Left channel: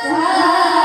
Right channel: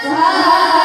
Sa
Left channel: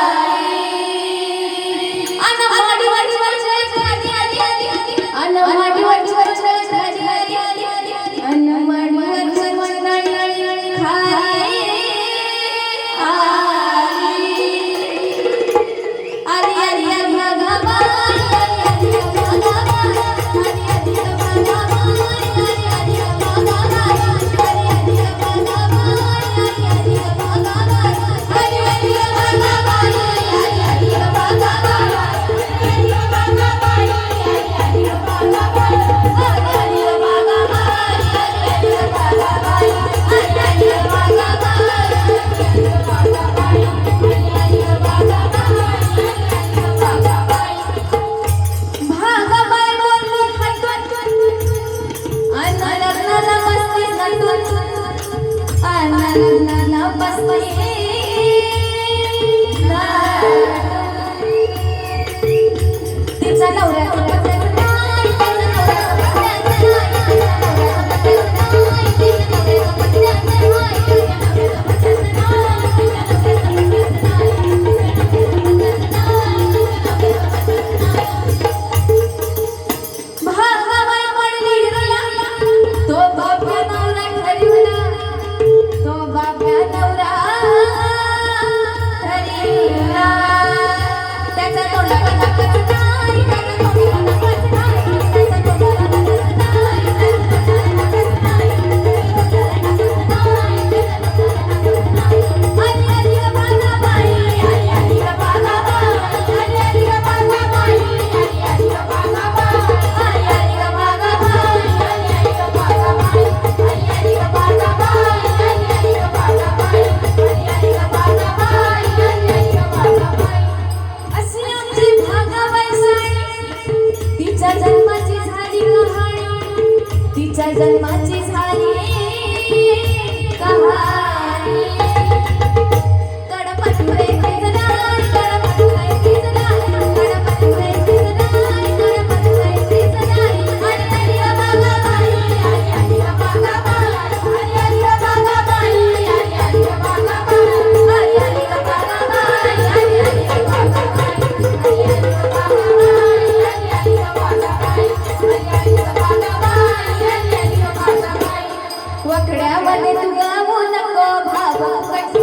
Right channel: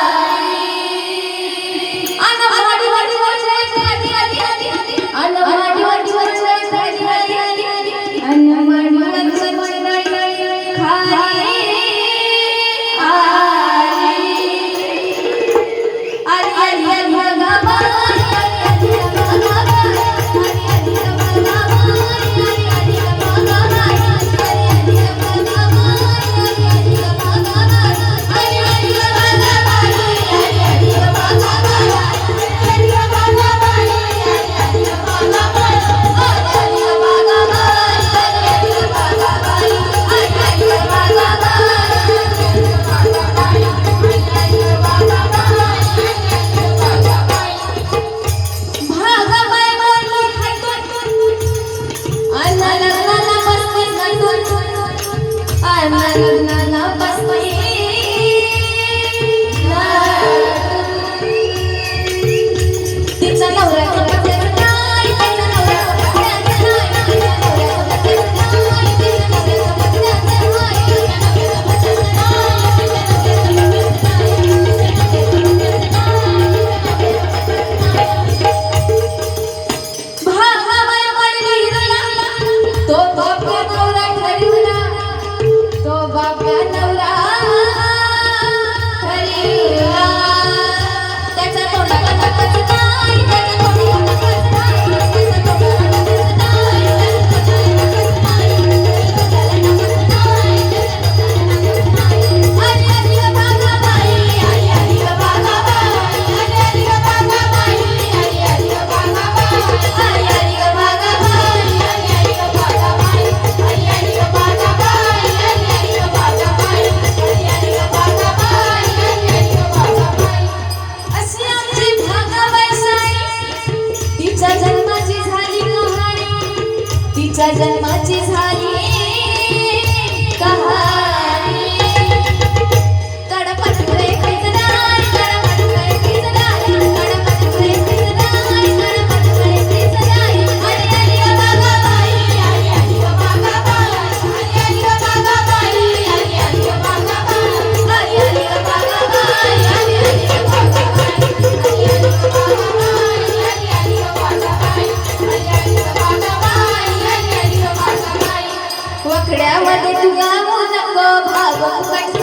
tiếp dẫn là जन्माची झाली. दुआ मुझको भावों कट